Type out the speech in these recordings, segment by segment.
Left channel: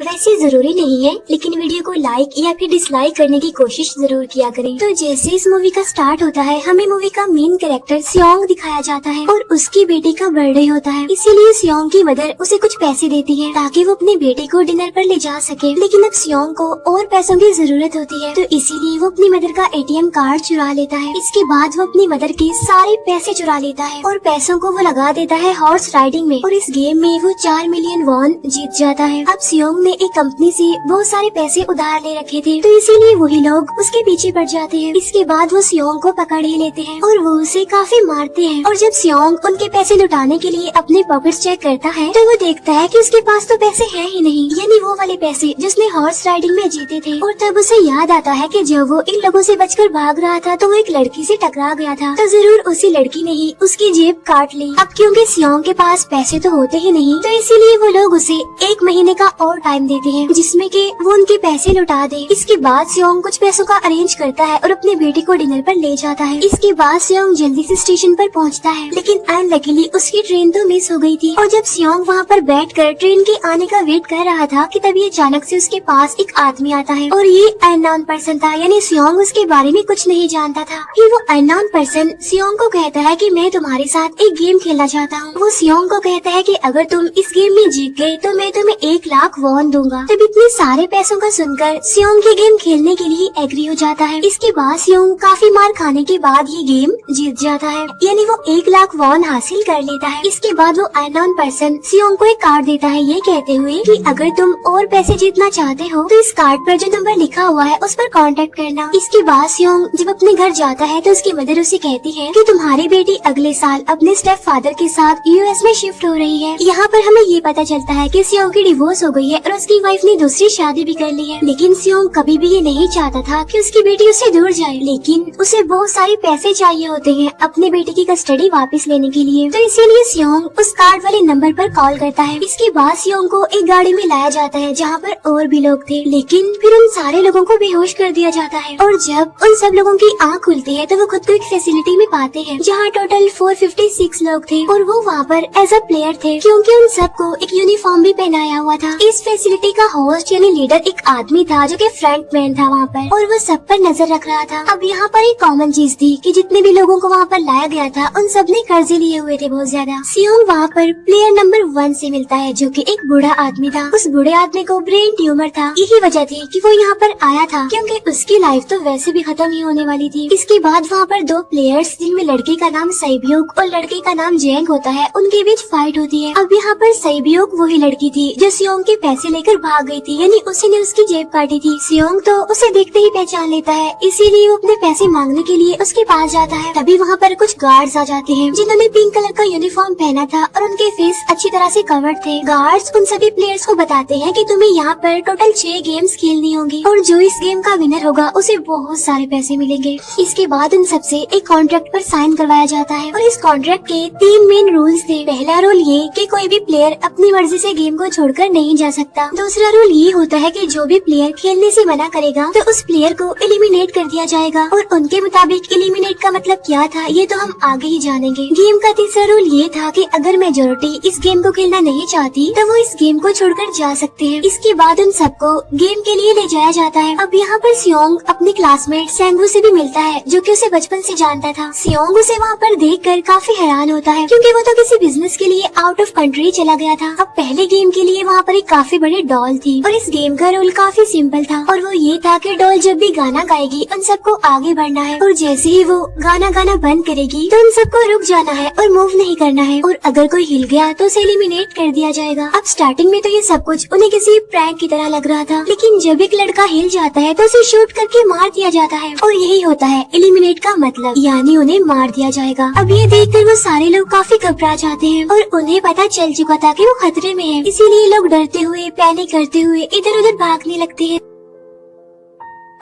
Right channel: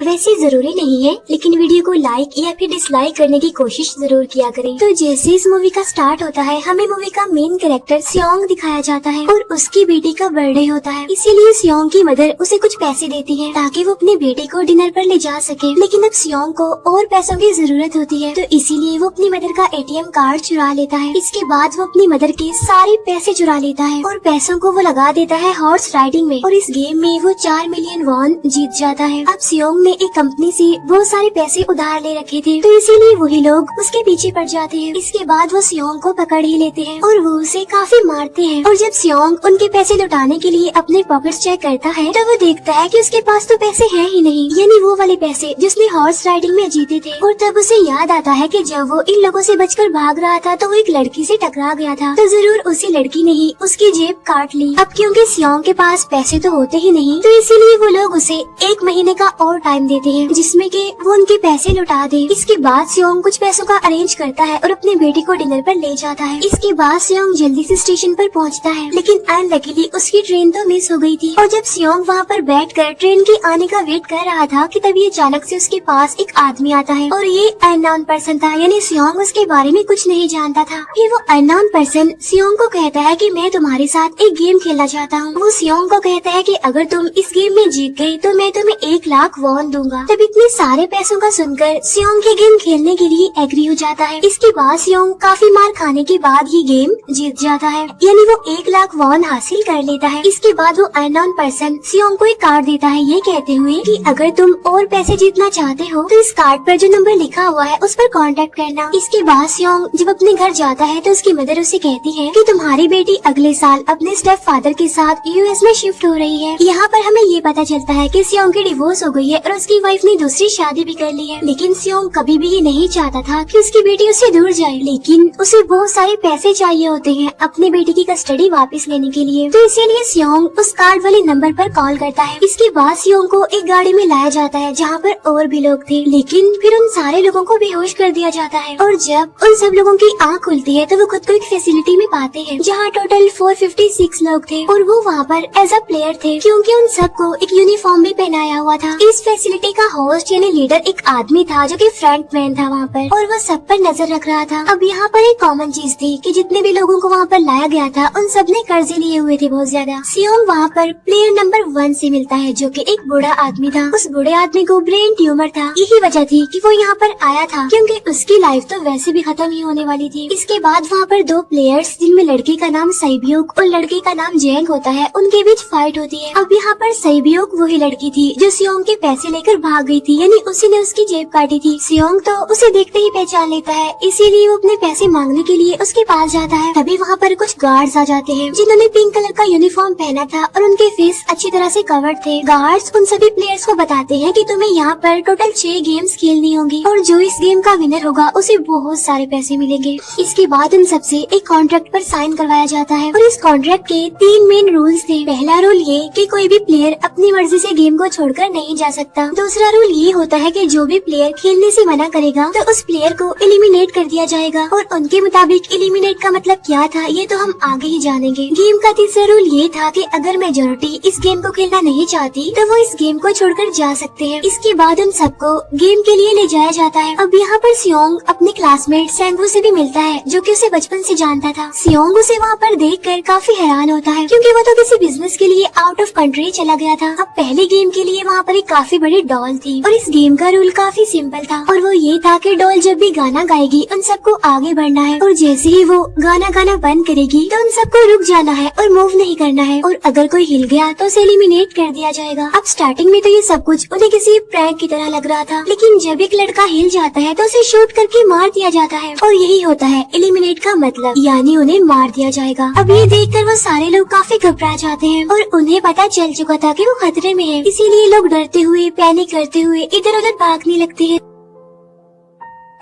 वैसे जरूरी नहीं है, लेकिन वीडियो को लाइक या फिर डिसलाइक करने की कोशिश जरूर किया करें। तो जैसे इस मूवी का स्टार्ट होता है, हमें मूवी का मेन कैरेक्टर सियोंग दिखाया जाता है और उसकी बेटी का बर्थडे होता है। इसीलिए सियोंग की मदर उसे कुछ पैसे देती है ताकि वो अपने बेटे को डिनर पर ले जा सके। लेकिन अब सियोंग को और पैसों की जरूरत होती है, तो इसीलिए वो अपनी मदर का ATM कार्ड चुरा लेता है। इसके बाद वो अपनी मदर के सारे पैसे चुरा लेता है और पैसों को वो लगा देता है हॉर्स राइडिंग में, और इस गेम में वो 4 मिलियन वॉन जीत जाता है। अब सियोंग ने एक कंपनी से बहुत सारे पैसे उधार ले रखे थे, तो इसीलिए वही लोग उसके पीछे पड़ जाते हैं। इसके बाद वो सियोंग को पकड़ ही लेते हैं और वो उसे काफी मारते हैं। और जब सियोंग उनके पैसे लुटाने के लिए अपने पॉकेट्स चेक करता है, तो वो देखता है कि उसके पास तो पैसे हैं ही नहीं, यानी वो वाले पैसे जिसने हॉर्स राइडिंग में जीते थे। और तब उसे याद आता है कि जब वो इन लोगों से बचकर भाग रहा था, तो वो एक लड़की से टकरा गया था, तो जरूर उसी लड़की ने ही उसकी जेब काट ली। अब क्योंकि सियोंग के पास पैसे तो होते ही नहीं, तो इसीलिए वो लोग उसे 1 महीने का और टाइम देते हैं जिसमें कि वो उनके पैसे लौटा दे। इसके बाद सियोंग कुछ पैसों का अरेंज करता है और अपने बेटे को डिनर पर ले जाता है। इसके बाद सियोंग जल्दी से स्टेशन पर पहुंचता है, लेकिन अनलकीली उसकी ट्रेन तो मिस हो गई थी। और जब सियोंग वहां पर बैठकर ट्रेन के आने का वेट कर रहा था कि तभी अचानक से उसके पास एक आदमी आता है, और ये अननोन पर्सन था, यानी सियोंग उसके बारे में कुछ नहीं जानता था। फिर वो अननोन पर्सन सियोंग को कहता है कि मैं तुम्हारे साथ एक गेम खेलना चाहता हूँ। वो सियोंग को कहता है कि अगर तुम इस गेम में जीत गए तो मैं तुम्हें 1 लाख वॉन दूंगा। तब इतने सारे पैसों का सुनकर सियोंग ये गेम खेलने के लिए एग्री हो जाता है। इसके बाद सियोंग काफी मार खाने के बाद ये गेम जीत जाता है, यानी वो 1 लाख वॉन हासिल कर लेता है। इसके बाद वो अननोन पर्सन सियोंग को एक कार्ड देता है, ये कहते हुए कि अगर तुम और पैसे जीतना चाहते हो तो इस कार्ड पर जो नंबर लिखा हुआ है उस पर कांटेक्ट करना। इसके बाद सियोंग जब अपने घर जाता है तो उसकी मदर उसे कहती है कि तुम्हारी बेटी अगले साल अपने स्टेप फादर के साथ US में शिफ्ट हो रही है। यहाँ पर हमें ये पता चलता है कि सियोंग की डिवोर्स हो गई है और उसकी वाइफ ने दूसरी शादी भी कर ली है। लेकिन सियोंग कभी भी ये नहीं चाहता था कि उसकी बेटी उससे दूर जाए, लेकिन उसे बहुत सारे पैसे चाहिए होते हैं अपनी बेटी की कस्टडी वापस लेने के लिए, तो इसीलिए सियोंग उस कार्ड वाले नंबर पर कॉल करता है। इसके बाद सियोंग को एक गाड़ी में लाया जाता है जहाँ पर और भी लोग थे, लेकिन फिर उन सारे लोगों को बेहोश कर दिया जाता है। और जब उन सब लोगों की आँख खुलती है तो वो खुद को एक फैसिलिटी में पाते हैं जहाँ टोटल 456 लोग थे, और वो वहाँ पर एज अ प्लेयर थे, क्योंकि उन सबको एक यूनिफॉर्म भी पहनाया हुआ था। इस फैसिलिटी का होस्ट यानी लीडर एक आदमी था जो कि फ्रंट मैन था वहाँ पर, और वो सब पर नजर रख रहा था। अब यहाँ पर एक कॉमन चीज थी कि जितने भी लोगों को वहाँ पर लाया गया था उन सब ने कर्जे लिए हुए थे बहुत ज्यादा। सियोंग वहाँ पर प्लेयर नंबर 1 से मिलता है जो कि एक बूढ़ा आदमी था। उस बूढ़े आदमी को ब्रेन ट्यूमर था, यही वजह थी कि वो यहाँ पर आया था, क्योंकि उसकी लाइफ तो वैसे भी खत्म ही होने वाली थी। इसके बाद वहाँ पर 2 प्लेयर्स जिनमें लड़के का नाम सैबियोक और लड़के का नाम जेंग होता है, उनके बीच फाइट होती है। अब यहाँ पर सैबियोक वही लड़की थी जो सियोंग के पैसे लेकर भाग गई थी, यानी उसी ने उसकी जेब काटी थी। सियोंग तो उसे देखते ही पहचान लेता है, इसीलिए वो अपने पैसे मांगने के लिए उसके पास जाता है। तभी वहाँ पर कुछ गार्ड्स आ जाते हैं जिन्होंने पिंक कलर का यूनिफॉर्म पहना था और उनके फेस अच्छी तरह से कवर्ड थे। गार्ड्स उन सभी प्लेयर्स को बताते हैं कि तुम्हें यहाँ पर टोटल 6 गेम्स खेलनी होंगी और जो इस गेम का विनर होगा उसे बहुत सारे पैसे मिलेंगे। इसके बाद उन सबसे एक कॉन्ट्रैक्ट पर साइन करवाया जाता है, और इस कॉन्ट्रैक्ट के 3 मेन रूल्स थे। पहला रूल ये कि कोई भी प्लेयर अपनी मर्जी से गेम को छोड़कर नहीं जा सकता। दूसरा रूल ये होता है कि जो भी प्लेयर खेलने से मना करेगा तो उस प्लेयर को एलिमिनेट कर दिया जाएगा, और उनके मुताबिक एलिमिनेट का मतलब क्या था ये तो हम आगे ही जानेंगे। गेम का तीसरा रूल ये था कि अगर मेजोरिटी इस गेम को खेलना नहीं चाहती तो वो इस गेम को छोड़कर जा सकते हैं। इसके बाद उन सबको गेम के लिए ले जाया जाता है। अब यहाँ पर सियोंग अपने क्लासमेट सैंगवू से भी मिलता है जो कि उसे बचपन से जानता था। सियोंग उसे वहाँ पर देखकर काफी हैरान होता है, क्योंकि वो तो किसी बिजनेस के लिए आउट ऑफ कंट्री चला गया था। अब पहले गेम के लिए वहाँ पर एक काफी बड़ी डॉल थी, और इस गेम का रूल काफी सिंपल था, और वो ये था कि डॉल जब भी गाना गाएगी उन सबको आगे बढ़ना है, और जैसे ही वो गाना बंद करेगी तो उन सबको रुक जाना है और मूव नहीं करना है, और अगर कोई हिल गया तो उसे एलिमिनेट कर दिया जाएगा। अब स्टार्टिंग में तो ये सब कुछ उन्हें किसी प्रैंक की तरह लग रहा था, लेकिन जब एक लड़का हिल जाता है तो उसे शूट करके मार दिया जाता है, और यही होता है एलिमिनेट का मतलब, यानी उन्हें मार दिया जाएगा। अब ये देखकर वो सारे लोग काफी घबरा जाते हैं, और उन्हें पता चल चुका था कि वो खतरे में है, इसीलिए लोग डरते हुए पैनिक करते हुए इधर उधर भागने लगते हैं।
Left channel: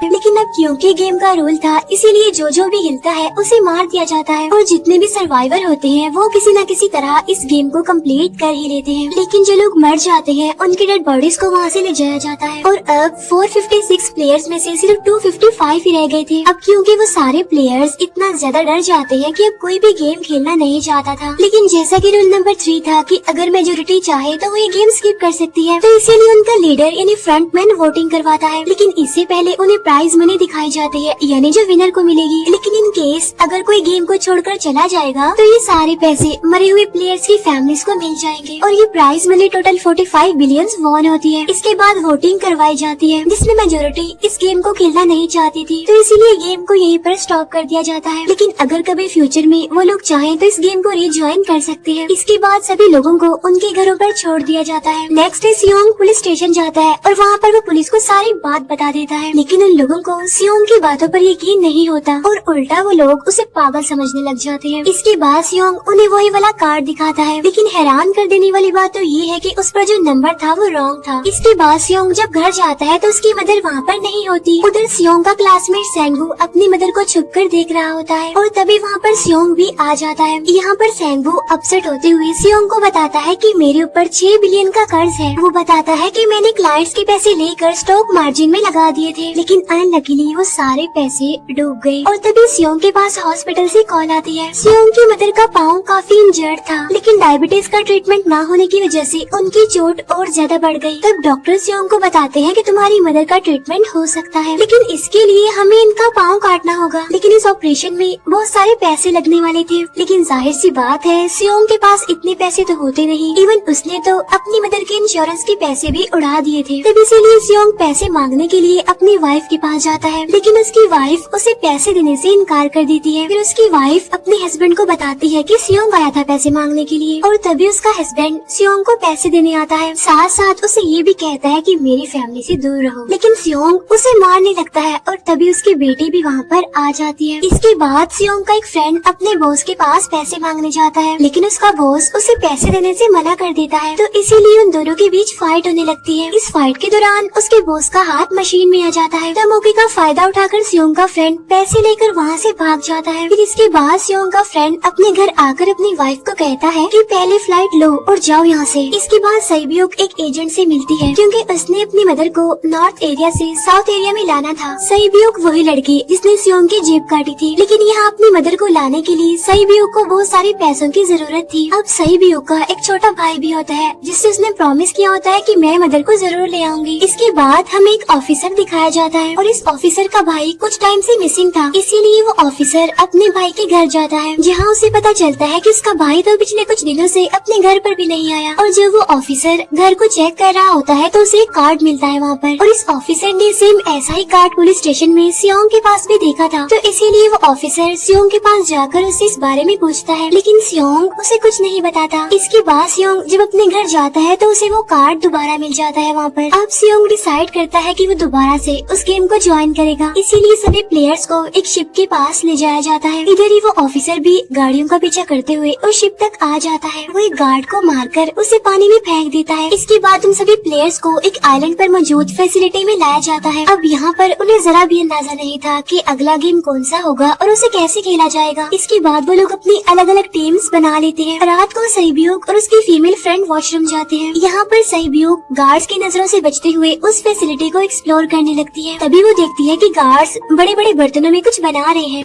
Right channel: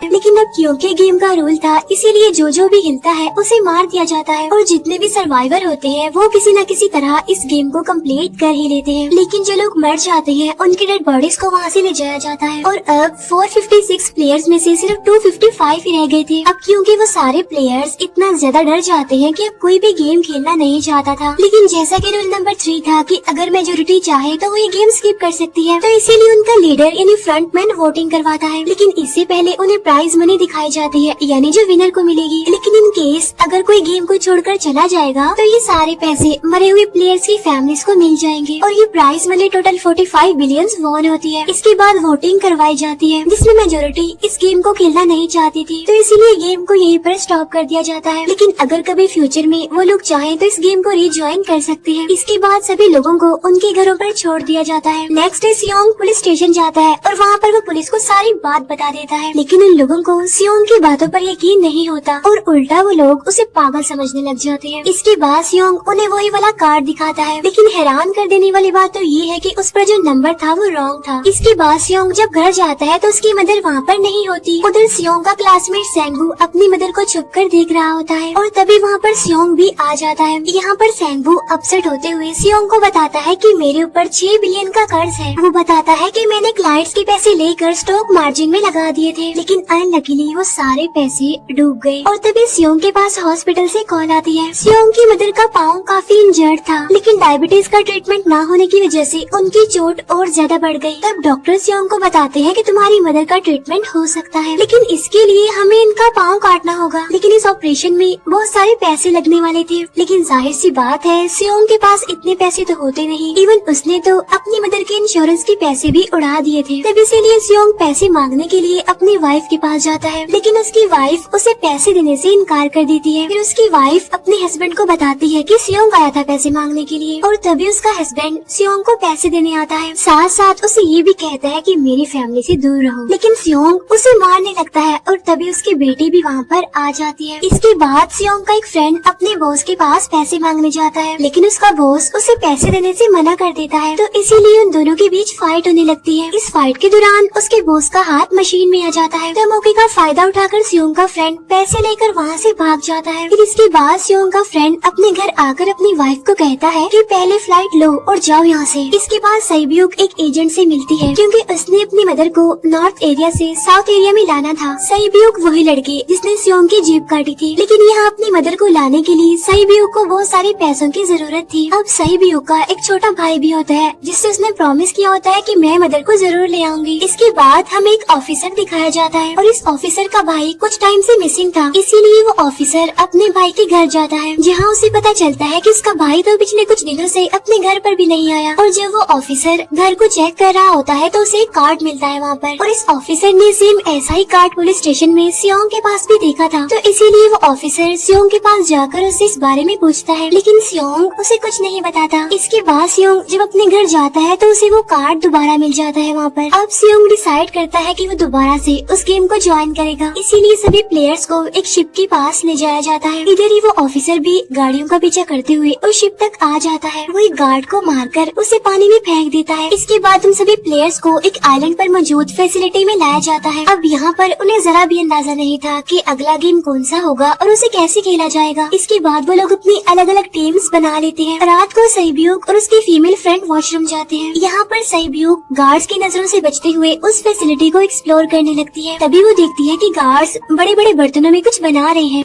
लेकिन अब क्योंकि गेम का रूल था, इसीलिए जो भी हिलता है उसे मार दिया जाता है और जितने भी सर्वाइवर होते हैं वो किसी न किसी तरह इस गेम को कंप्लीट कर ही लेते हैं। लेकिन जो लोग मर जाते हैं उनके डेड बॉडीज को वहाँ से ले जाया जाता है और अब 456 प्लेयर्स में से सिर्फ 255 ही रह गए थे। अब क्योंकि वो सारे प्लेयर्स इतना ज्यादा डर जाते हैं कि अब कोई भी गेम खेलना नहीं चाहता था। लेकिन जैसा कि रूल नंबर 3 था कि अगर मेजोरिटी चाहे तो वो ये गेम स्किप कर सकती है, तो इसीलिए उनका लीडर यानी फ्रंटमैन वोटिंग करवाता है। लेकिन इससे पहले उन्हें प्राइज मनी दिखाई जाती है, यानी जो विनर को मिलेगी। लेकिन इन केस अगर कोई गेम को छोड़कर चला जाएगा तो ये सारे पैसे मरे हुए प्लेयर्स की फैमिलीज को मिल जाएंगे और ये prize money total 45 billion won होती है। इसके बाद वोटिंग करवाई जाती है जिसमें मेजोरिटी इस गेम को खेलना नहीं चाहती थी, तो इसीलिए गेम को यहीं पर स्टॉप कर दिया जाता है। लेकिन अगर कभी फ्यूचर में वो लोग चाहें तो इस गेम को रीज्वाइन कर सकते हैं। इसके बाद सभी लोगों को उनके घरों पर छोड़ दिया जाता है। नेक्स्ट डे सियोंग पुलिस स्टेशन जाता है और वहाँ पर वो पुलिस को सारी बात बता देता है। लेकिन उन लोगों को सियोंग की बातों पर यकीन नहीं होता और उल्टा वो लोग उसे पागल समझने लग जाते हैं। इसके बाद सियोंग उन्हें वही वाला कार्ड दिखाता है, लेकिन हैरान कर देने वाली बात तो ये है कि उस पर जो नंबर था वो रॉन्ग था। इसके बाद सियोंग जब घर जाता है तो उसकी मदर वहाँ पर नहीं होती। उधर सियोंग का क्लासमेट सेंगू अपनी मदर को छुप कर देख रहा होता है और तभी वहाँ पर सियोंग भी आ जाता है। यहाँ पर सेंगू अपसेट होते हुए सियोंग को बताता है कि मेरे ऊपर 6 बिलियन का कर्ज है। वो बताता है कि मैंने क्लाइंट्स के पैसे लेकर स्टॉक मार्जिन में लगा दिए थे, लेकिन अनलकीली वो सारे पैसे डूब गए। और तभी सियोंग के पास हॉस्पिटल से कॉल आती है। सियोंग की मदर का पाँव काफी इंजर्ड था, लेकिन डायबिटीज का ट्रीटमेंट न होने की वजह से उनकी चोट और ज्यादा बढ़ गई। तब डॉक्टर सियोंग को बताते हैं कि तुम्हारी मदर का ट्रीटमेंट हो सकता है, लेकिन इसके लिए हमें इनका पाँव काटना होगा। लेकिन इस ऑपरेशन में बहुत सारे पैसे लगने वाले थे। लेकिन जाहिर सी बात है सियोंग के पास इतने पैसे तो होते नहीं। इवन उसने तो अपनी मदर के इंश्योरेंस के पैसे भी उड़ा दिए थे। तब इसीलिए सियोंग पैसे मांगने के लिए अपनी वाइफ के पास जाता है, लेकिन उसकी वाइफ उसे पैसे देने से इनकार कर देती है। फिर उसकी वाइफ अपने हस्बैंड को बताती है कि सियोंग आया था पैसे मांगने के लिए और तभी उसका हस्बैंड सियोंग को पैसे देने आता है। साथ साथ उसे ये भी कहता है कि मेरी फैमिली से दूर रहो। लेकिन सियोंग उसे मारने लगता है और तभी उसकी बेटी भी वहाँ पर आ जाती है। इसके बाद सियोंग का एक फ्रेंड अपने बॉस के पास पैसे मांगने जाता है, लेकिन उसका बॉस उसे पैसे देने से मना कर देता है, तो इसीलिए उन दोनों के बीच फाइट होने लगती है। इस फाइट के दौरान उसके बॉस का हाथ मशीन में आ जाता है, तो मौके का फायदा उठाकर सियोंग का फ्रेंड पैसे लेकर वहाँ से भाग जाता है। फिर इसके बाद सियोंग का फ्रेंड अपने घर आकर अपनी वाइफ को कहता है कि पहले फ्लाइट लो और जाओ यहाँ से। इसके बाद सईब्यूक एक एजेंट से मिलती है, क्योंकि उसने अपनी मदर को नॉर्थ एरिया से साउथ एरिया में लाना था। सईब्यूक वही लड़की जिसने सियोंग की जेब काटी थी, लेकिन यहाँ अपनी मदर को लाने के लिए सईब्यूक को बहुत सारे पैसों की जरूरत थी। अब सईब्यूक का एक छोटा भाई भी होता है जिससे उसने प्रॉमिस किया होता है कि मैं मदर को जरूर ले आऊंगी। इसके बाद हमें एक ऑफिसर दिखाया जाता है और इस ऑफिसर का भाई कुछ टाइम से मिसिंग था, इसीलिए वो ऑफिसर अपने भाई के घर जाता है, जहाँ उसे पता चलता है कि उसका भाई तो पिछले कुछ दिनों से अपने घर पर भी नहीं आया। और जब वो ऑफिसर घर को चेक कर रहा होता है तो उसे एक कार्ड मिलता है वहाँ पर, और इस ऑफिसर ने सेम ऐसा ही कार्ड पुलिस स्टेशन में सियोंग के पास भी देखा था, तो इसीलिए वो ऑफिसर सियोंग के पास जाकर उससे इस बारे में पूछता है, लेकिन सियोंग उसे कुछ नहीं बताता। इसके बाद सियोंग जब अपने घर जाता है तो उसे वो कार्ड दोबारा मिल जाता है वहाँ पर। अब सियोंग डिसाइड करता है कि वो दोबारा से उस गेम को ज्वाइन करेगा, इसीलिए सभी प्लेयर्स को एक शिप के पास ले जाया जाता है। इधर ही वो ऑफिसर भी गाड़ियों का पीछा करते हुए उस शिप तक आ जाता है। वो एक गार्ड को मारकर उसे पानी में फेंक देता है। इसके बाद उन सभी प्लेयर्स को एक आइलैंड पर मौजूद फैसिलिटी में लाया जाता है। अब यहाँ पर उन्हें जरा भी अंदाजा नहीं था कि अगला गेम कौन सा होगा और उसे कैसे खेला जाएगा। इसके बाद वो लोग अपनी अलग अलग टीम्स बना लेते हैं। रात को सईब्यूक और उसकी फीमेल फ्रेंड वॉशरूम जाते हैं। यहाँ पर सईब्यूक गार्ड्स की नजरों से बचते हुए उस फैसिलिटी को एक्सप्लोर करने लगती है। तभी वो देखती है कि गार्ड्स बड़े बड़े बर्तनों में कुछ बना रहे हैं,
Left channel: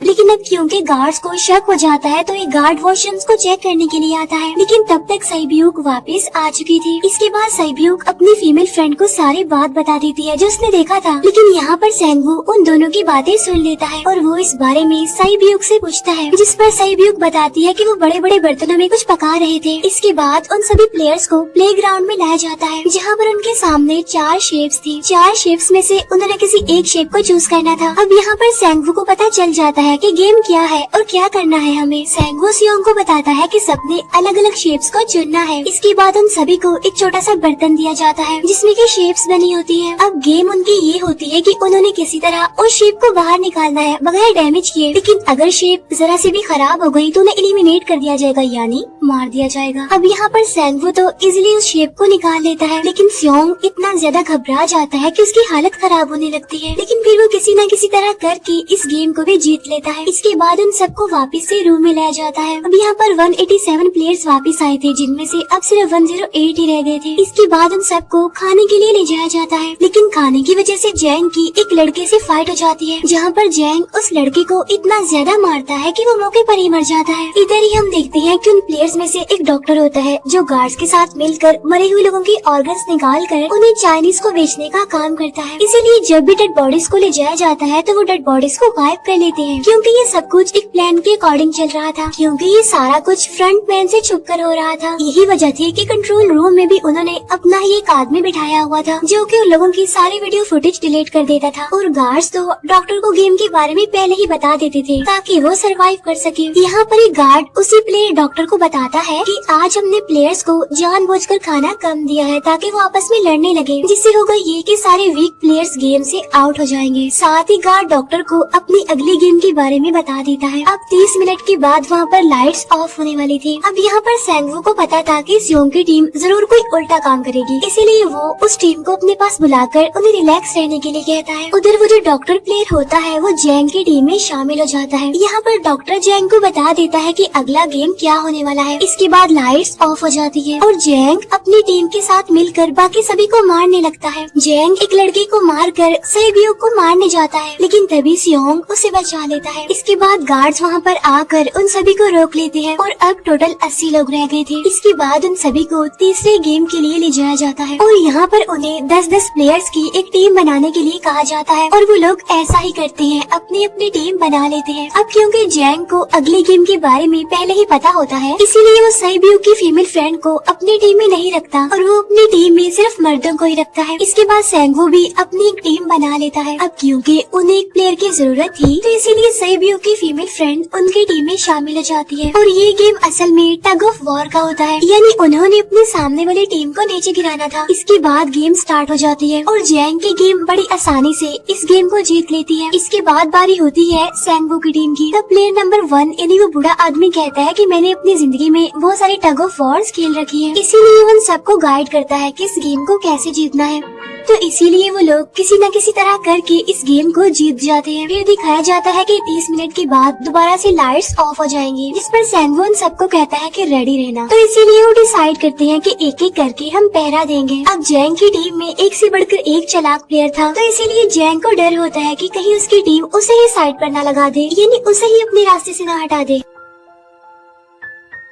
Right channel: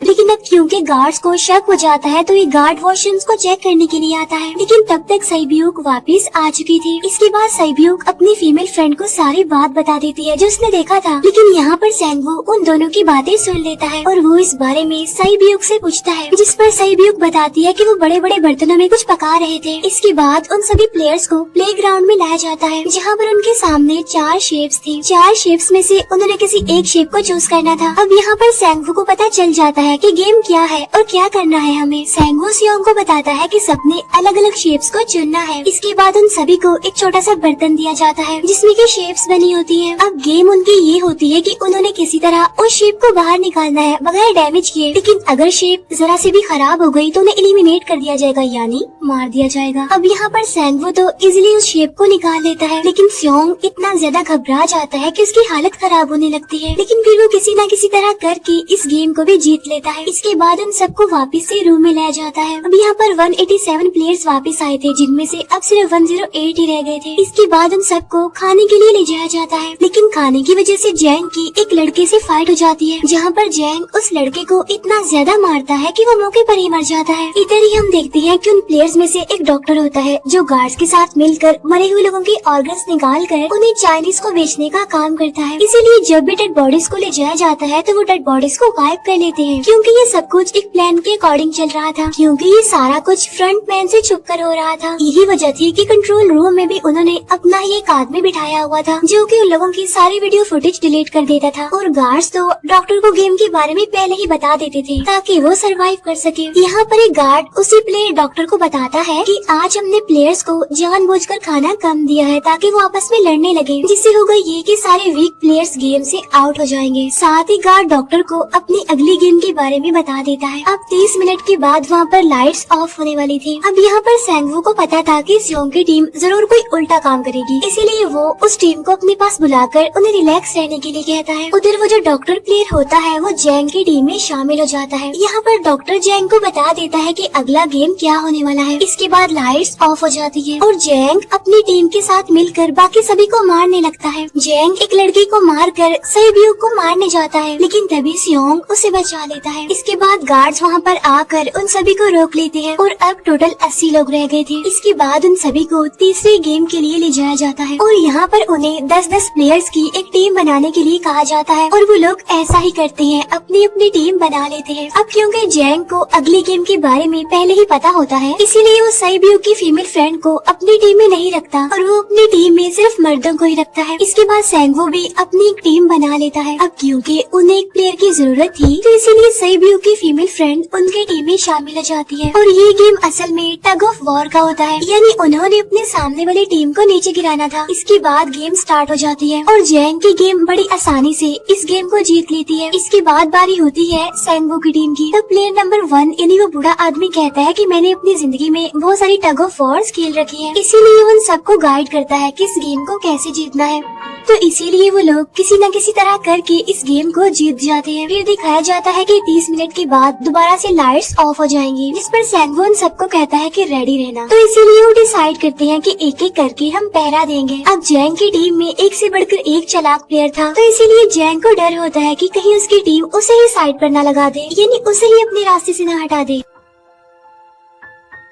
लेकिन अब क्योंकि गार्ड्स को शक हो जाता है तो ये गार्ड वॉशरूम्स को चेक करने के लिए आता है। लेकिन तब तक सईब्यूक वापस आ चुकी थी। इसके बाद सईब्यूक अपनी फीमेल फ्रेंड को सारी बात बता देती है जो उसने देखा था, लेकिन यहाँ पर सेंगू उन दोनों की बातें सुन लेता है और वो इस बारे में सईब्यूक से पूछता है, जिस पर सईब्यूक बताती है कि वो बड़े बड़े बर्तनों में कुछ पका रहे थे। इसके बाद उन सभी प्लेयर्स को प्ले ग्राउंड में लाया जाता है, जहाँ पर उनके सामने 4 शेप्स थी। 4 शेप्स में से उन्होंने किसी एक शेप को चूज करना था। अब यहाँ पर सेंगू को पता चल जाता है कि गेम क्या है और क्या करना है हमें। सेंगू सियोंग को बताता है कि सबने अलग अलग शेप्स को चुनना है। इसके बाद उन सभी को एक छोटा सा बर्तन दिया जाता है जिसमें की शेप्स बनी होती है। अब गेम उनकी ये होती है कि उन्होंने किसी तरह उस शेप को बाहर निकालना है बगैर डैमेज किए, लेकिन अगर शेप जरा से भी खराब हो गई तो उन्हें एलिमिनेट कर दिया जाएगा, यानी मार दिया जाएगा। अब यहाँ पर सैंगवू तो इजीली उस शेप को निकाल लेता है, लेकिन स्योंग इतना ज्यादा घबरा जाता है कि उसकी हालत खराब होने लगती है। लेकिन फिर वो किसी न किसी तरह करके इस गेम को भी जीत लेता है। इसके बाद उन सबको वापस से रूम में लाया जाता है। अब यहाँ पर 187 प्लेयर्स वापस आए थे, जिनमें से अब सिर्फ 108 ही रह गए थे। इसके बाद उन सबको खाने के लिए ले जाया जाता है, लेकिन खाने की वजह से जैंग की एक लड़के से फाइट हो जाती है, जहाँ पर जैंग उस लड़के को इतना ज्यादा मारता है कि वो मौके पर ही मर जाता है। इधर ही हम देखते हैं कि उन प्लेयर्स में से एक डॉक्टर होता है जो गार्ड्स के साथ मिलकर मरे हुए लोगों के ऑर्गन्स निकाल कर उन्हें चाइनीज को बेचने का काम करता है। इसीलिए जब भी डेड बॉडीज को ले जाया जाता है तो वो डेड बॉडीज को गायब कर लेते हैं, क्योंकि ये सब कुछ एक प्लान के अकॉर्डिंग चल रहा था, क्योंकि ये सारा कुछ फ्रंट मैन से छुप कर हो रहा था। यही वजह थी कि कंट्रोल रूम में भी उन्होंने अपना ही एक आदमी बिठाया हुआ था जो कि उन लोगों की सारी वीडियो फुटेज डिलीट कर देता था, और गार्ड्स तो डॉक्टर को गेम के बारे में पहले ही बता देते थे ताकि वो सरवाइव कर सके। यहाँ पर एक गार्ड उसी प्लेयर डॉक्टर को बताता है कि आज हमने प्लेयर्स को जानबूझकर खाना कम दिया है ताकि वो आपस में लड़ने लगे, जिससे होगा ये कि सारे वीक प्लेयर्स गेम से आउट हो जाएंगे। साथ ही गार्ड डॉक्टर को अपनी अगली गेम के बारे में बता देता है। अब 30 मिनट के बाद वहाँ पर लाइट्स ऑफ होने वाली थी। अब यहाँ पर सैंगवू को पता था कि स्योंग की टीम जरूर कोई उल्टा काम करेगी, इसीलिए वो उस टीम को अपने पास बुलाकर उन्हें रिलैक्स रहने के लिए कहता है। उधर वो जो डॉक्टर प्लेयर होता है वो जैंग की टीम में शामिल हो जाता है। यहाँ पर डॉक्टर जैंग को बता देता है कि अगला गेम क्या होने वाला है। इसके बाद लाइट्स ऑफ हो जाती है और जैंग अपनी टीम के साथ मिलकर बाकी सभी को मारने लगता है। जैंग एक लड़के को मारकर सेबियो को मारने जाता है, लेकिन तभी स्योंग उसे बचा लेता है। इसके बाद गार्ड्स वहाँ पर आकर उन सभी को रोक लेते हैं और अब टोटल 80 लोग रह गए थे। इसके बाद उन सभी को तीसरे गेम के लिए ले जाया जाता है और यहाँ पर उन्हें 10-10 प्लेयर्स की एक टीम बनाने के लिए कहा जाता है, और वो लोग ऐसा ही करते हैं, अपनी अपनी टीम बना लेते हैं। अब क्योंकि जैंग को अगली गेम के बारे में पहले ही पता होता है, इसीलिए वो सेबियो की फीमेल फ्रेंड को अपनी टीम में नहीं रखता और वो अपनी टीम में सिर्फ मर्दों को ही रखता है। इसके बाद सैंगवू भी अपनी एक टीम बना लेता है। अब क्योंकि उन्हें एक प्लेयर की जरूरत थी, तो इसीलिए सेबियो की फीमेल फ्रेंड उनकी टीम में शामिल हो जाती है। और ये गेम असल में टग ऑफ वॉर का होता है, यानी उन्होंने अपने सामने वाली टीम को नीचे गिराना था। इसके बाद गेम स्टार्ट हो जाती है और जैंग की गेम बड़ी आसानी से इस गेम को जीत लेती है। इसके बाद बारी होती है सैंगवू की टीम की। तब प्लेयर नंबर 1 यानी वो बूढ़ा आदमी कहता है कि मैंने अपनी जिंदगी में बहुत सारी टग ऑफ वॉर्स खेल रखी है, इसीलिए उन सबको गाइड करता है कि इस गेम को कैसे जीतना है। तो इसीलिए वो लोग किसी न किसी तरह करके इस गेम को जीत जाते हैं। फिर दिखाया जाता है कि 30 मिनट के बाद दोबारा से लाइट्स ऑफ हो जाएंगी, जिस पर सैंगवू उन सबको कहता है कि रेडी रहना। तो इसीलिए वो डिसाइड करते हैं कि एक एक करके हम पहरा देंगे। अब जैंग की टीम में एक से बढ़कर एक चालाक प्लेयर था, तो इसीलिए जैंग को डर होता है कि कहीं उसकी टीम उसे ही साइड पर न लगा दे, यानी उसे ही अपने रास्ते से न हटा दे।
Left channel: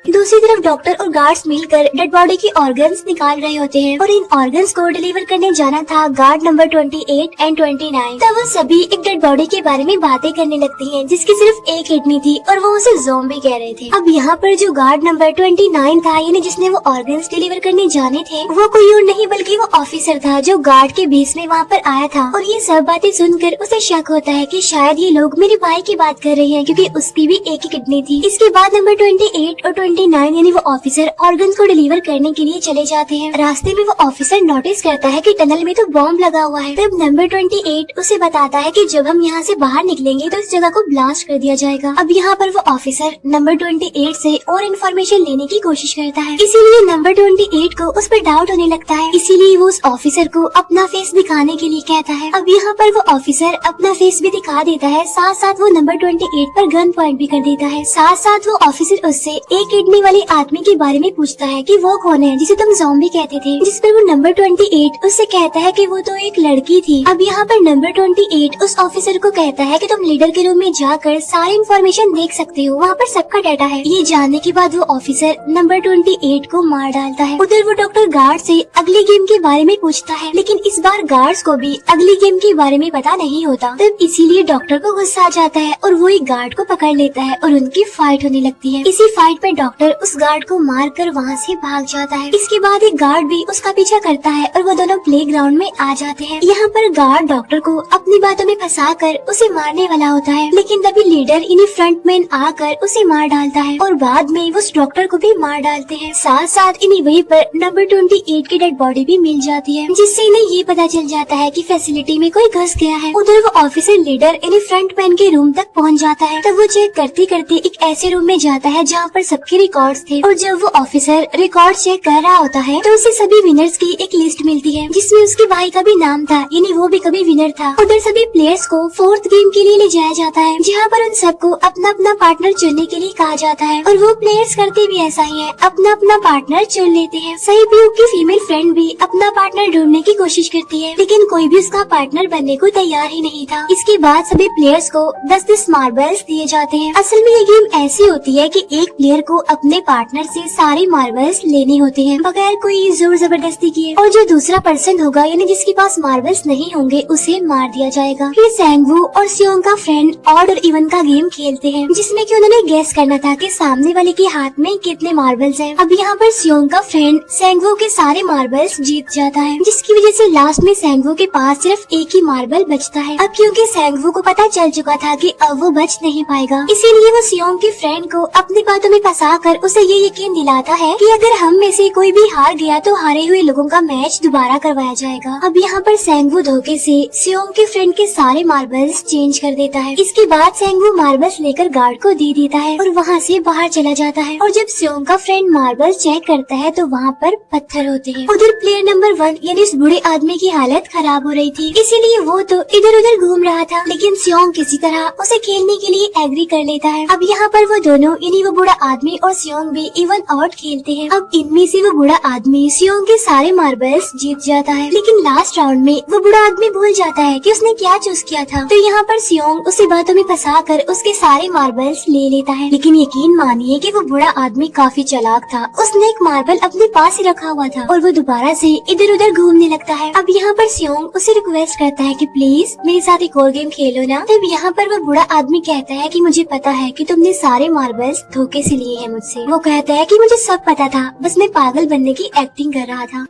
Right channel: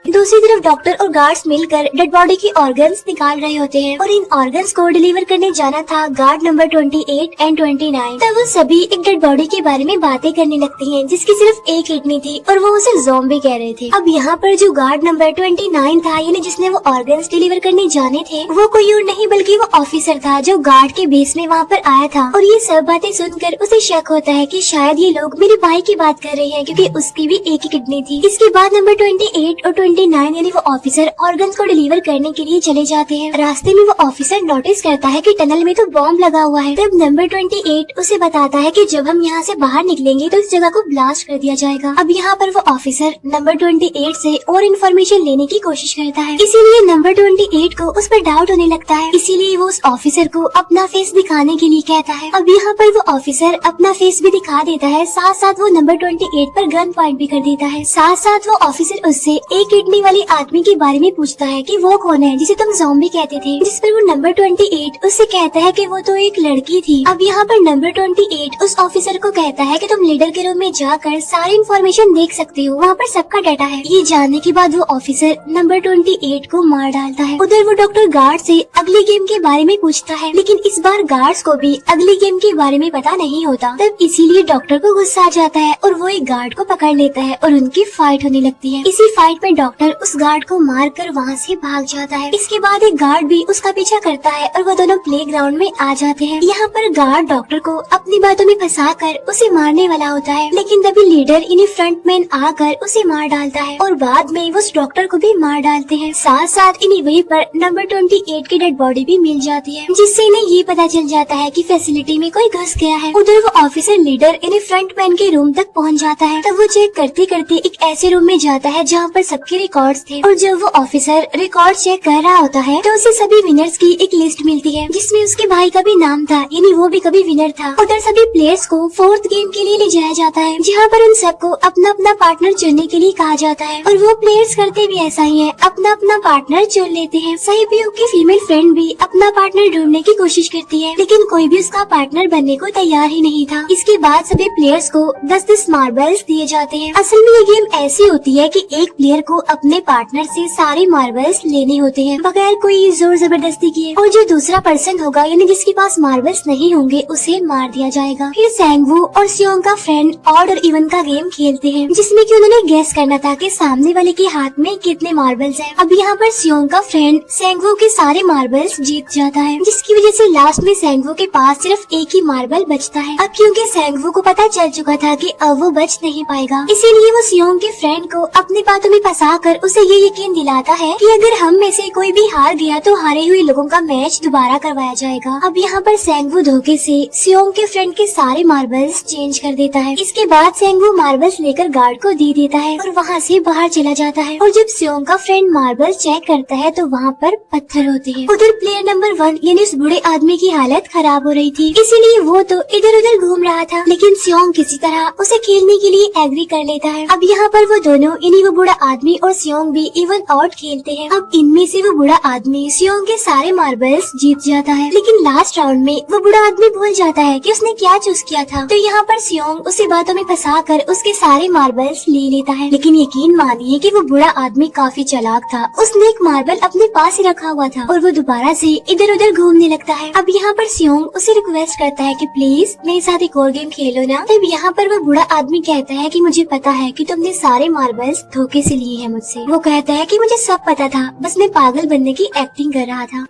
दूसरी तरफ डॉक्टर और गार्ड्स मिलकर डेड बॉडी की ऑर्गन्स निकाल रहे होते हैं और इन ऑर्गन्स को डिलीवर करने जाना था गार्ड नंबर 28 एंड 29। तब वो सभी एक डेड बॉडी के बारे में बातें करने लगती हैं, जिसकी सिर्फ एक किडनी थी और वो उसे ज़ॉम्बी कह रहे थे। अब यहाँ पर जो गार्ड नंबर 29 था, यानी जिसने वो ऑर्गन्स डिलीवर करने जाने थे, वो कोई और नहीं बल्कि वो ऑफिसर था जो गार्ड के बेस में वहाँ पर आया था। और ये सब बातें सुनकर उसे शक होता है कि शायद ये लोग मेरे भाई की बात कर रहे हैं, क्योंकि उसकी भी एक ही किडनी थी। इसके बाद नंबर 28 और 29 यानी वो ऑफिसर ऑर्गन्स को डिलीवर करने के लिए चले जाते हैं। रास्ते में वो ऑफिसर नोटिस करता है कि टनल में तो बॉम्ब लगा हुआ है। तब नंबर 28 उसे बताता है कि जब हम यहाँ से बाहर निकलेंगे तो इस जगह को ब्लास्ट कर दिया जाएगा। अब यहाँ पर वो ऑफिसर नंबर 28 से और इन्फॉर्मेशन लेने की कोशिश करता है, इसीलिए नंबर 28 को उस पर डाउट होने लगता है। इसीलिए वो उस ऑफिसर को अपना फेस दिखाने के लिए कहता है। अब यहाँ पर वो ऑफिसर अपना फेस भी दिखा देता है, साथ साथ वो नंबर 28 पर गन पॉइंट भी कर देता है। साथ साथ वो ऑफिसर उससे एक किडनी वाले आदमी के बारे में पूछता है कि वो कौन है जिसे तुम ज़ॉम्बी कहते थे, जिस पर वो नंबर 28 उससे कहता है कि वो तो एक लड़की थी। अब यहाँ पर नंबर 28 उस ऑफिसर को कहता है कि तुम लीडर के रूम में जाकर सारी इन्फॉर्मेशन देख सकते हो, वहाँ पर सबका डाटा है। ये जानने के बाद वो ऑफिसर नंबर 28 को मार डालता है। उधर वो डॉक्टर गार्ड से अगली गेम के बारे में पूछता है, लेकिन इस बार गार्ड्स को भी अगली गेम के बारे में पता नहीं होता। तब इसीलिए डॉक्टर को गुस्सा आ जाता है और वो एक गार्ड को पकड़ लेता है और उनकी फाइट होने लगती है। इसी फाइट में डॉक्टर उस गार्ड को मारकर वहाँ से भाग जाता है। इसके बाद एक गार्ड भी उसका पीछा करता है और वो दोनों प्लेग्राउंड में आ जाते हैं। यहाँ पर गार्ड डॉक्टर को अपनी बातों में फंसाकर उसे मारने वाला होता है, लेकिन तभी लीडर इन्हें फ्रंटमैन आकर उसे मार डालता है और बाद में वो उस डॉक्टर को भी मार डालते हैं। साथ साथ इन्हें वहीं पर नंबर 28 की डेड बॉडी भी मिल जाती है, जिससे इन्हें ये पता चल जाता है कि फैसिलिटी में कोई घुस गया है। उधर वो ऑफिसर लीडर इन्हें फ्रंटमैन के रूम तक पहुँच जाता है। तब वो चेक करते करते एक ऐसे रूम में जाता है जहाँ पर सबकी रिकॉर्ड्स थे। और जब वो ऑफिसर रिकॉर्ड चेक कर रहा होता है तो उसे सभी विनर्स की एक लिस्ट मिलती है जिसमें उसके भाई का भी नाम था, यानी वो भी कभी विनर था। उधर सभी प्लेयर्स को 4th गेम के लिए ले जाया जाता है जहाँ पर उन सबको अपना अपना पार्टनर चुनने के लिए कहा जाता है और वो प्लेयर्स करते भी ऐसा ही है, अपना अपना पार्टनर चुन लेते हैं। सहयोग की फीमेल फ्रेंड भी अपना पार्टनर ढूंढने की कोशिश करती है लेकिन कोई भी उसका पार्टनर बनने को तैयार ही नहीं था। इसके बाद सभी प्लेयर्स को 10-10 मार्बल्स दिए जाते हैं। असल में ये गेम ऐसी होती है कि एक प्लेयर को अपने पार्टनर से सारे मार्बल्स लेने होते हैं बगैर कोई जोर जबरदस्ती किए, और जो दूसरा पर्सन होगा यानी जिसके पास मार्बल्स नहीं होंगे उसे मार दिया जाएगा। फिर सैंगवू और सियोंग का फ्रेंड ऑड और इवन का गेम खेलते हैं जिसमें कि उन्होंने गेस करना था कि सामने वाले के हाथ में कितने मार्बल्स हैं। अब यहाँ पर सियोंग का फ्रेंड सैंगवू के सारे मार्बल्स जीत जाता है जिसकी वजह से लास्ट में सैंगवू के पास सिर्फ एक ही मार्बल बचता है। अब क्योंकि सैंगवू को पता चल चुका था कि अब वो बच नहीं पाएगा, इसीलिए वो सियोंग के फ्रेंड को अपनी बातों में फंसा कर उसे ये यकीन दिलाता है कि अगर हम में से कोई भी हार गया तो हारे हुए लोगों का मैच दोबारा करवाया जाएगा। अब यहाँ पर सैंगवू धोखे से सियोंग के फ्रेंड के सारे मार्बल्स चेंज कर देता है। इसके बाद सैंगवू मार्बल्स लेकर गार्ड को दे देता है और वहाँ से बाहर चला जाता है। और जब सियोंग का फ्रेंड मार्बल्स चेक करता है तो वहाँ पर पत्थर होते हैं। उधर प्लेयर नंबर 1 यानी उस बूढ़े आदमी की हालत खराब हो रही थी, इसीलिए वो तो इधर उधर घूम रहा था लेकिन सियोंग किसी तरह उसे खेलने के लिए एग्री कर लेता है। अब यहाँ पर वो दोनों यानी वो बूढ़ा आदमी और सियोंग भी इवन आउट खेलते हैं। अब इनमें से वो बूढ़ा आदमी सियोंग के सारे मार्बल्स जीत जाता है लेकिन लास्ट राउंड में वो बूढ़ा आदमी भूल जाता है कि उसने क्या चूज किया था। तो यहाँ पर सियोंग उसे बातों में फंसा कर उसके सारे मार्बल्स ले लेता है। लेकिन यकीन मानिए कि वो बूढ़ा आदमी काफी चालाक था, उसने एक मार्बल अपने पास ही रखा हुआ था और वो दोबारा से इधर उधर घूमने लगता है। अब यहाँ पर सियोंग उसे रिक्वेस्ट करता है कि प्लीज मेरे साथ एक और गेम खेलो ना। तब यहाँ पर वो बूढ़ा आदमी कहता है कि मुझे पता है कि तुमने सारे मार्बल्स धोखे से लिए हैं मुझसे। वो कहता है कि मुझे सब पता था, बस मैं पागल बनने की एक्टिंग कर रहा था।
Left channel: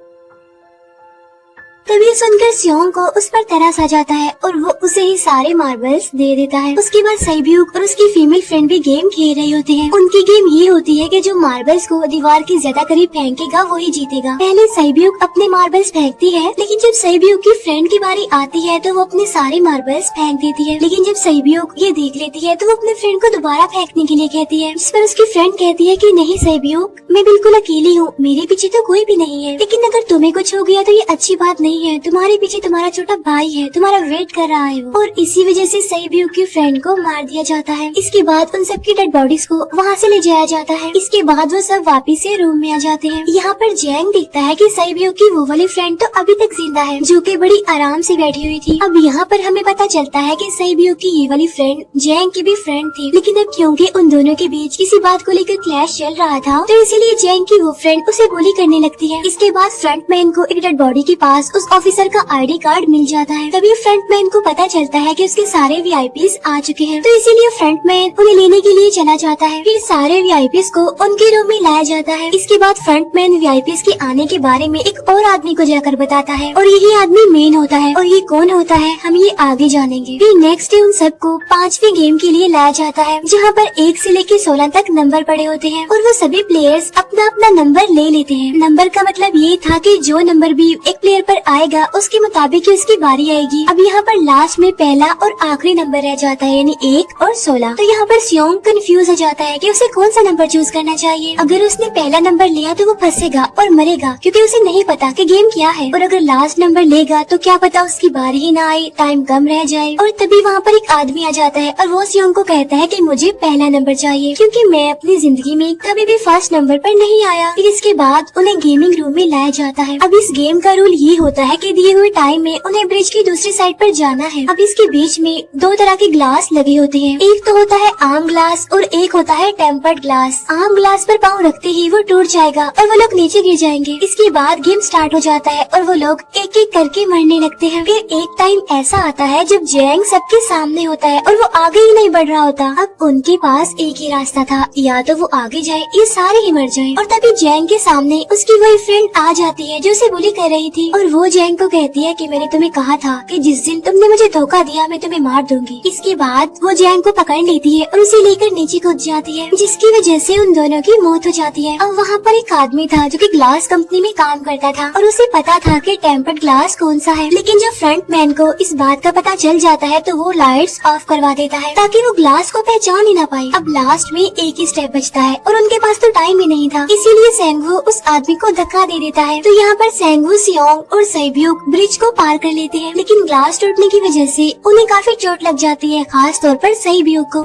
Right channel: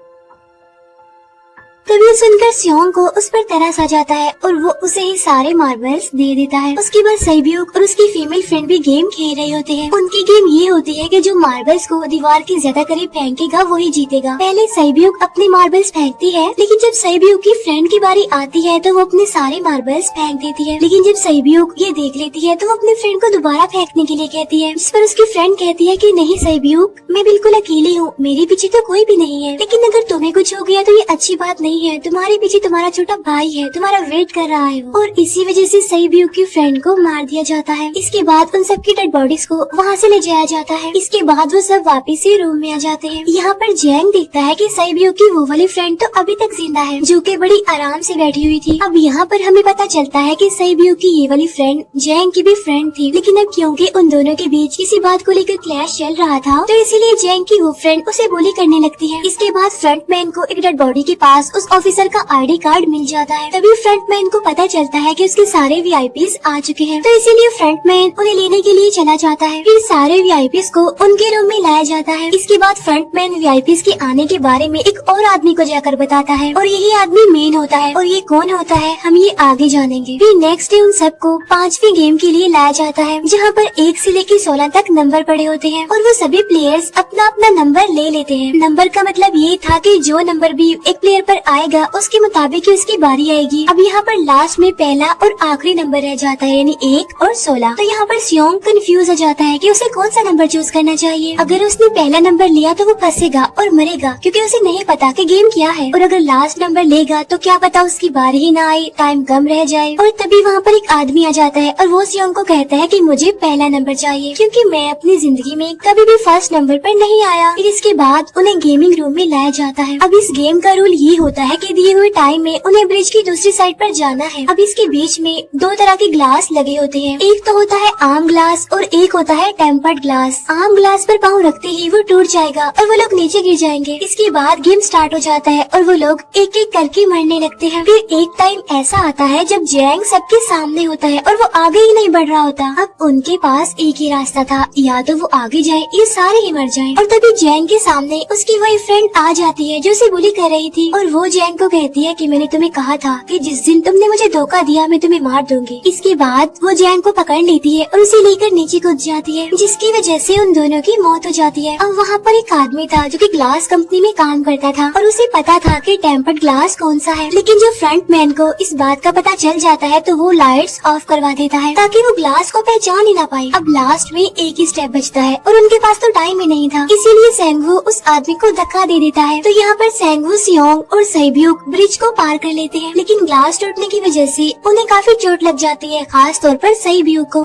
तभी सुनकर सियोंग को उस पर तरस आ जाता है और वो उसे ही सारे मार्बल्स दे देता है। उसके बाद सैब्यूक और उसकी फीमेल फ्रेंड भी गेम खेल रहे होते हैं। उनकी गेम ये होती है कि जो मार्बल्स को दीवार के ज्यादा करीब फेंकेगा वही जीतेगा। पहले सैब्यूक अपने मार्बल्स फेंकती है लेकिन जब सैब्यूक की फ्रेंड की बारी आती है तो वो अपने सारे मार्बल्स फेंक देती है। लेकिन जब सैब्यूक ये देख लेती है तो वो अपने फ्रेंड को दोबारा फेंकने के लिए कहती है, जिस पर उसकी फ्रेंड कहती है कि नहीं सैब्यूक, मैं बिल्कुल अकेली हूँ, मेरे पीछे तो कोई भी नहीं है, लेकिन अगर तुम्हें कुछ हो गया तो ये अच्छी बात नहीं है, तुम्हारे पीछे तुम्हारा छोटा भाई है, तुम्हारा वेट कर रहा है। और इसी वजह से सैब्यूक की फ्रेंड को मार दिया जाता है। इसके बाद उन सबकी डेड बॉडीज को वहाँ से ले जाया जाता है। इसके बाद वो सब वापिस से रूम में आ जाते हैं। यहाँ पर जैंग देखता है कि सैब्यूक की वो वाली फ्रेंड तो अभी तक जिंदा है जो कि बड़ी आराम से बैठी हुई थी। अब यहाँ पर हमें पता चलता है कि सैब्यूक की ये वाली फ्रेंड जैंग की भी फ्रेंड थी, लेकिन अब क्योंकि उन दोनों के बीच किसी बात को लेकर क्लैश चल रहा था तो इसीलिए जैंग की वो फ्रेंड उसे बुली करने लगती है। इसके बाद फ्रंटमैन को एक डेड बॉडी के पास उस ऑफिसर का आईडी कार्ड मिल जाता है। तभी फ्रंटमैन को पता चलता है कि उसके सारे वीआईपीज आ चुके हैं, तो इसीलिए फ्रंटमैन उन्हें लेने के लिए चला जाता है। फिर सारे वीआईपीज को उनके रूम में लाया जाता है। इसके बाद फ्रंटमैन वीआईपीज के आने के बारे में एक और आदमी को जाकर बताता है और यही आदमी मेन होता है। और ये कौन होता है हम ये आगे जानेंगे। फिर नेक्स्ट डे उन सबको 5वीं गेम के लिए लाया जाता है जहाँ पर 1 से लेकर 16 तक नंबर पड़े होते हैं और वो सभी प्लेयर्स अपना अपना नंबर ले लेते हैं। नंबर का मतलब ये था कि जो नंबर भी एक प्लेयर पर आएगा उसके मुताबिक उसकी बारी आएगी। अब यहाँ पर लास्ट में पहला और आखिरी नंबर रह जाता है यानी 1 और 16। तो यहाँ पर सियोंग कंफ्यूज हो जाता है कि उसे कौन सा नंबर चूज करना चाहिए। अगर उसने पहला नंबर लिया तो वो फंसेगा और मरेगा क्योंकि उसे नहीं पता कि गेम क्या है, और अगर लास्ट नंबर लेगा तो क्या पता उसकी बारी ही ना आए, टाइम कम रह जाए। और तभी वहाँ पर एक आदमी आ जाता है और वो सियोंग को कहता है कि मुझे पहला नंबर चाहिए क्योंकि मैं अपनी जिंदगी में कभी भी फर्स्ट नंबर पर नहीं आया। फिर इसके बाद उन्हें गेमिंग रूम में लाया जाता है। अब इस गेम का रूल ये होता है कि दिए हुए टाइम में उन्हें ब्रिज की दूसरी साइड पर जाना है। अब इसके बीच में 2 तरह के ग्लास लगे होते हैं, एक तो होता है आम ग्लास और एक होता है टेम्पर्ड ग्लास। आम ग्लास पर पाँव रखते ही वो टूट जाएगा और वो लोग नीचे गिर जाएंगे। इसके बाद गेम स्टार्ट हो जाता है और वो लोग एक एक करके मरने लगते हैं। फिर एक टाइम ऐसा आता है जब जैंग सबके सामने होता है और वो आगे ही नहीं बढ़ रहा होता। अब उनके पास एक ही रास्ता था, या तो वो आगे जाए या सारे ही मर जाएं। और तभी जैंग के सामने उसकी वही फ्रेंड आ जाती है जो उसे बुली कर रही थी और वो जैंग को कहती है कि मैंने तुम्हें कहा था कि जिस दिन तुमने मुझे धोखा दिया मैं तुम्हें मार दूंगी। इसके बाद वो जैंग को पकड़ लेती है और उसे लेकर नीचे कूद जाती है, जिसकी वजह से उन दोनों की मौत हो जाती है। और वहाँ पर एक आदमी था जो कि ग्लास कंपनी में काम करता था और उसे पता था कि टेम्पर्ड ग्लास कौन सा है, लेकिन जब फ्रंट मैन को इस बात का पता चल जाता है तो वो लाइट्स ऑफ करवा देता है ताकि वो ग्लास को पहचान ही ना पाए। अब लास्ट में एक ही स्टेप बचता है और उनके पास तो टाइम ही नहीं था, इसीलिए सेंगवू उस आदमी को धक्का दे देता है। तो यहाँ पर सेंगवू, सियोंग और सैब्यूक ब्रिज को पार कर लेते हैं, लेकिन ग्लास टूटने की वजह से उन्हें काफी चोट लग जाती है, खास तौर पर सैब्यूक को।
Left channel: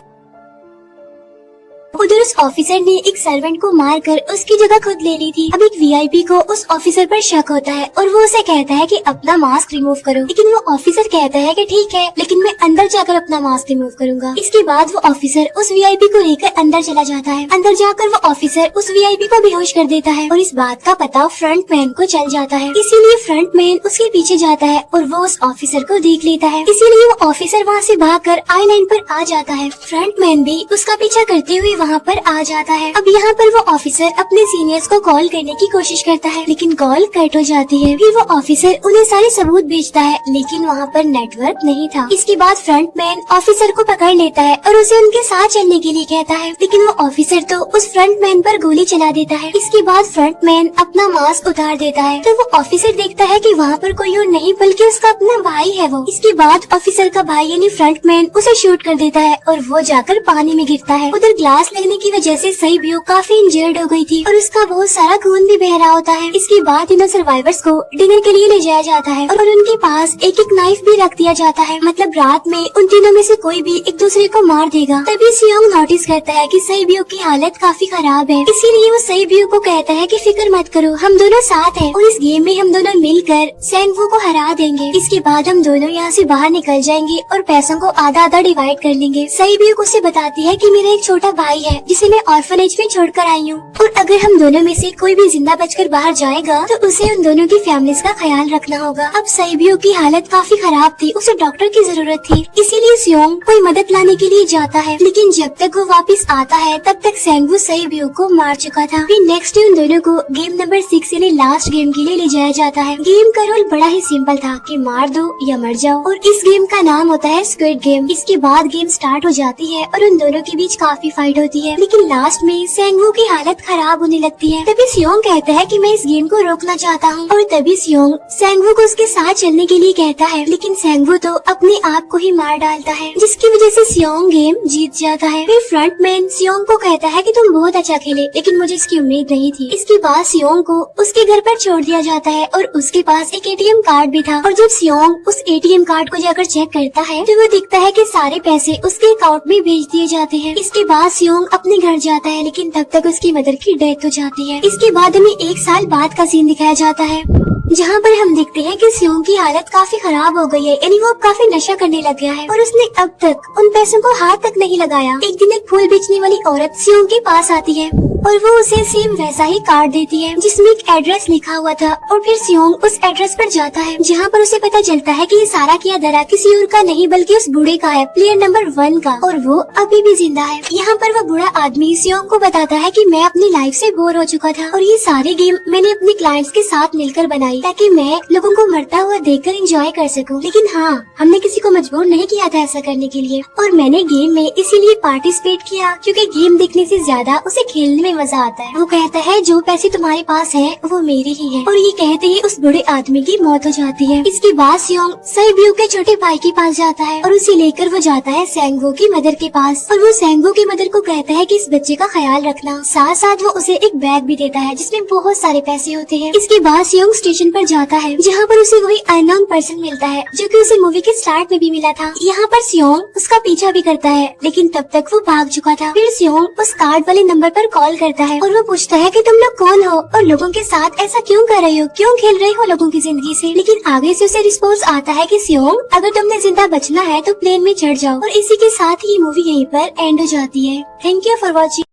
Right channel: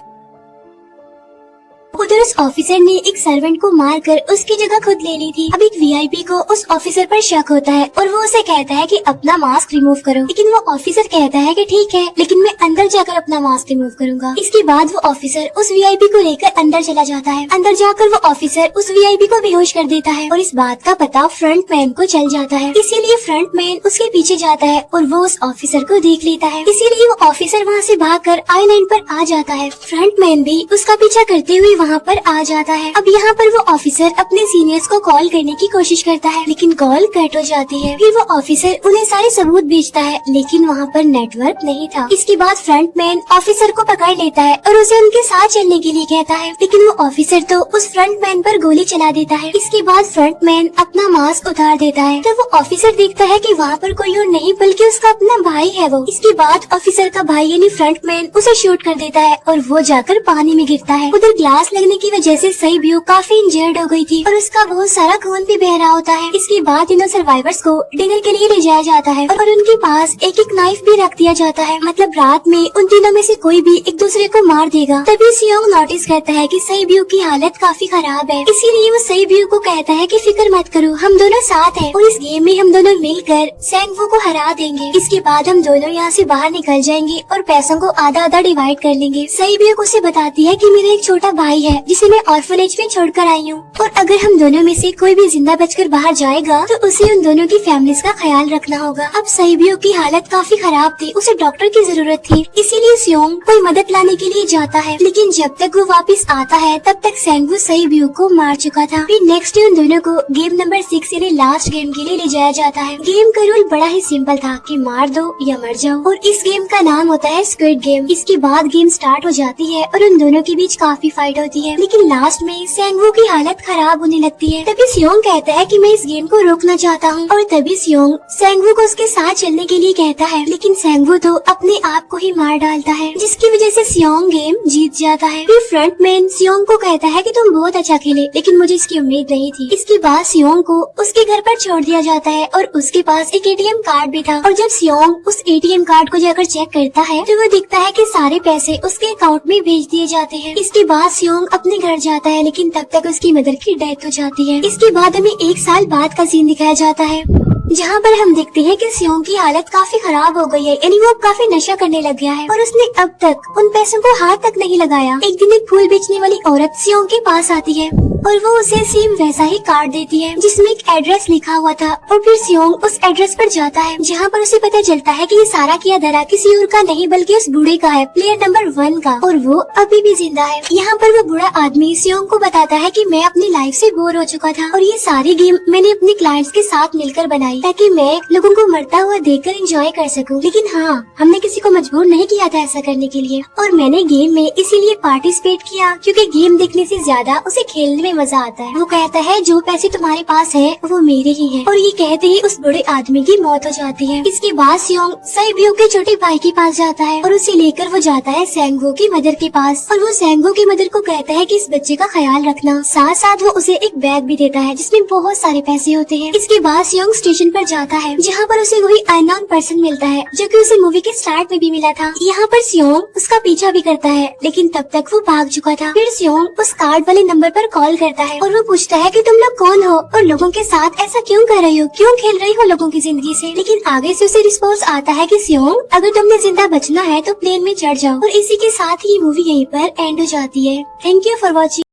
उधर उस ऑफिसर ने एक सर्वेंट को मारकर उसकी जगह खुद ले ली थी। अब एक वीआईपी को उस ऑफिसर पर शक होता है और वो उसे कहता है कि अपना मास्क रिमूव करो, लेकिन वो ऑफिसर कहता है कि ठीक है, लेकिन मैं अंदर जाकर अपना मास्क रिमूव करूंगा। इसके बाद वो ऑफिसर उस वीआईपी को लेकर अंदर चला जाता है। अंदर जाकर वो ऑफिसर उस वीआईपी को बेहोश कर देता है और इस बात का पता फ्रंट मैन को चल जाता है, इसीलिए फ्रंट मैन उसके पीछे जाता है और वो उस ऑफिसर को देख लेता है, इसीलिए वो ऑफिसर वहाँ से भागकर I-9 पर आ जाता है। फ्रंट मैन भी उसका पीछा करते हुए वहाँ पर आ जाता है। अब यहाँ पर वो ऑफिसर अपने सीनियर्स को कॉल करने की कोशिश करता है, लेकिन कॉल कट हो जाती है। फिर वो ऑफिसर उन्हें सारे सबूत भेजता है, लेकिन वहाँ पर नेटवर्क नहीं था। इसके बाद फ्रंट मैन ऑफिसर को पकड़ लेता है और उसे उनके साथ चलने के लिए कहता है, लेकिन वो ऑफिसर तो उस फ्रंट मैन पर गोली चला देता है। इसके बाद फ्रंट मैन अपना मास्क उतार देता है, तो वो ऑफिसर देखता है कि वहाँ पर कोई और नहीं बल्कि उसका अपना भाई है वो। इसके बाद ऑफिसर का भाई यानी फ्रंट मैन उसे शूट कर देता है और वो जाकर पानी में गिरता है। उधर ग्लास लगने की वजह से सैब्यूक काफी इंजर्ड हो गई थी और उसका बहुत सारा खून भी बह रहा होता है। इसके बाद इन सर्वाइवर्स को डिनर के लिए ले जाया जाता है और उनके पास एक एक नाइफ भी रख दिया जाता है, मतलब रात में उन तीनों में से कोई भी एक दूसरे को मार देगा। तभी सियोंग नोटिस करता है कि सैब्यूक की हालत काफी खराब है, इसीलिए वो सैब्यूक को कहता है कि फिक्र मत करो, हम दोनों साथ हैं और इस गेम में हम दोनों मिलकर सेंगवू को हरा देंगे। इसके बाद हम दोनों यहाँ से बाहर निकल जाएंगे और पैसों को आधा आधा डिवाइड कर लेंगे। सैब्यूक उसे बताती है कि मेरा एक छोटा भाई है जिसे मैं ऑर्फनेज में छोड़कर आई हूँ और अगर हम दोनों में से कोई भी जिंदा बचकर बाहर जाएगा तो उसे उन दोनों की फैमिलीज का ख्याल रखना होगा। अब सैब्यूक की हालत काफी खराब थी, उसे डॉक्टर की जरूरत थी, इसीलिए सियोंग कोई मदद लाने के लिए जाता है, लेकिन जब तक वो वापस आता है तब तक सेंगवू सैब्यूक को मार चुका था। फिर नेक्स्ट डे उन दोनों को गेम नंबर 6 यानी लास्ट गेम के लिए ले जाया जाता है। गेम का रूल बड़ा ही सिंपल था कि मार दो या मर जाओ और इस गेम का नाम होता है स्क्विड गेम। इसके बाद गेम स्टार्ट हो जाती है और उन दोनों के बीच काफी फाइट होती है, लेकिन लास्ट में सेंगवू की हालत खराब होने लगती है। तभी सियोंग कहता है कि मैं इस गेम को रोकना चाहता हूँ और तभी सियोंग सेंगवू को उसके साथ चलने के लिए कहता है, लेकिन सेंगवू तो अपने आप को ही मार डालता है, जिसकी वजह से सियोंग गेम जीत जाता है। फिर फ्रंट मैन सियोंग को कहता है कि तुम बहुत अच्छा खेले, लेकिन मुझे इसकी उम्मीद नहीं थी। इसके बाद सियोंग को उसके घर पर छोड़ दिया जाता है और उसके पास एक एटीएम कार्ड भी था और जब सियोंग उस एटीएम कार्ड को जाकर चेक करता है तो वो देखता है कि सारे पैसे उसके अकाउंट में भेज दिए जाते हैं। इसके बाद सियोंग अपने घर जाता है, लेकिन तब तक उसकी मदर की डेथ हो जाती है। इसके बाद हमें 1 साल बाद का सीन दिखाया जाता है, जहाँ पर हम देखते हैं कि सियोंग की हालत काफी खराब हो गई है, यानी वो काफी नशा करने लग गया है और उसने अब तक उन पैसों को हाथ तक नहीं लगाया। एक दिन एक फूल बेचने वाली औरत सियोंग के पास आती है और वो उसे सेम वैसा ही कार्ड देती है जिसमें एक एड्रेस लिखा हुआ था और फिर सियोंग उस एड्रेस पर जाता है, जहाँ पर उसे पता चलता है कि ये सारा किया धरा किसी और का नहीं बल्कि उस बूढ़े का है, प्लेयर नंबर 1 का, और वो अभी भी जिंदा है। यहाँ पर वो बूढ़ा आदमी सियोंग को बताता है कि मैं अपनी लाइफ से बोर हो चुका था और ये सारे गेम मैंने अपने क्लाइंट्स के साथ मिलकर बनाई ताकि मैं लोगों को मरता हुआ देखकर एंजॉय कर सकूं, लेकिन हाँ, हमने किसी को मजबूर नहीं किया था ऐसा करने के लिए और मैंने गेम में इसीलिए पार्टिसिपेट किया क्योंकि गेम देखने से ज्यादा उसे खेलने में मजा आता है। वो कहता है जो पैसे तुम्हारे पास है वो मेरे ही है और ये कहते ही उस बूढ़े आदमी की मौत हो जाती है। इसके बाद सियोंग सैब्यूक के छोटे भाई के पास जाता है और उसे लेकर वो जाता है सेंगवू की मदर के पास और वो सेंगवू की मदर को कहता है कि इस बच्चे का ख्याल रखना, साथ साथ वो उसे एक बैग भी देता है जिसमें बहुत सारे पैसे होते हैं। इसके बाद सियोंग स्टेशन पर जाता है जहाँ पर उसे वही अननोन पर्सन मिलता है जो कि उसे मूवी के स्टार्ट में भी मिला था। यहाँ पर सियोंग उसका पीछा भी करता है, लेकिन तब तक वो भाग चुका था। फिर सियोंग उस कार्ड वाले नंबर पर कॉल करता है और वो पूछता है कि तुम लोग कौन हो और लोगों के साथ ऐसा क्यों कर रहे हो, क्यों खेल रहे हो लोगों की जिंदगी से। लेकिन आगे से उसे रिस्पॉन्स आता है कि सियोंग अगर तुमने जिंदा बचना है तो प्लेन में चढ़ जाओ और इसी के साथ ये मूवी यहीं पर एंड हो जाती है। Thank you for watching.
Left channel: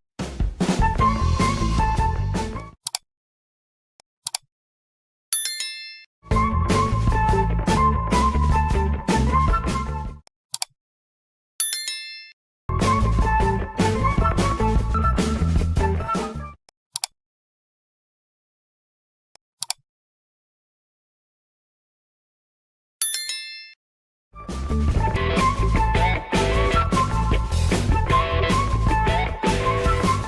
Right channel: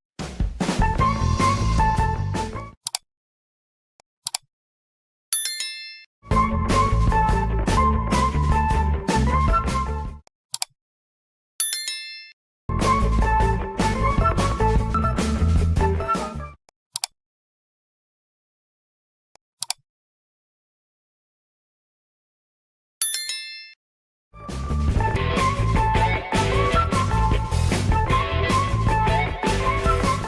है।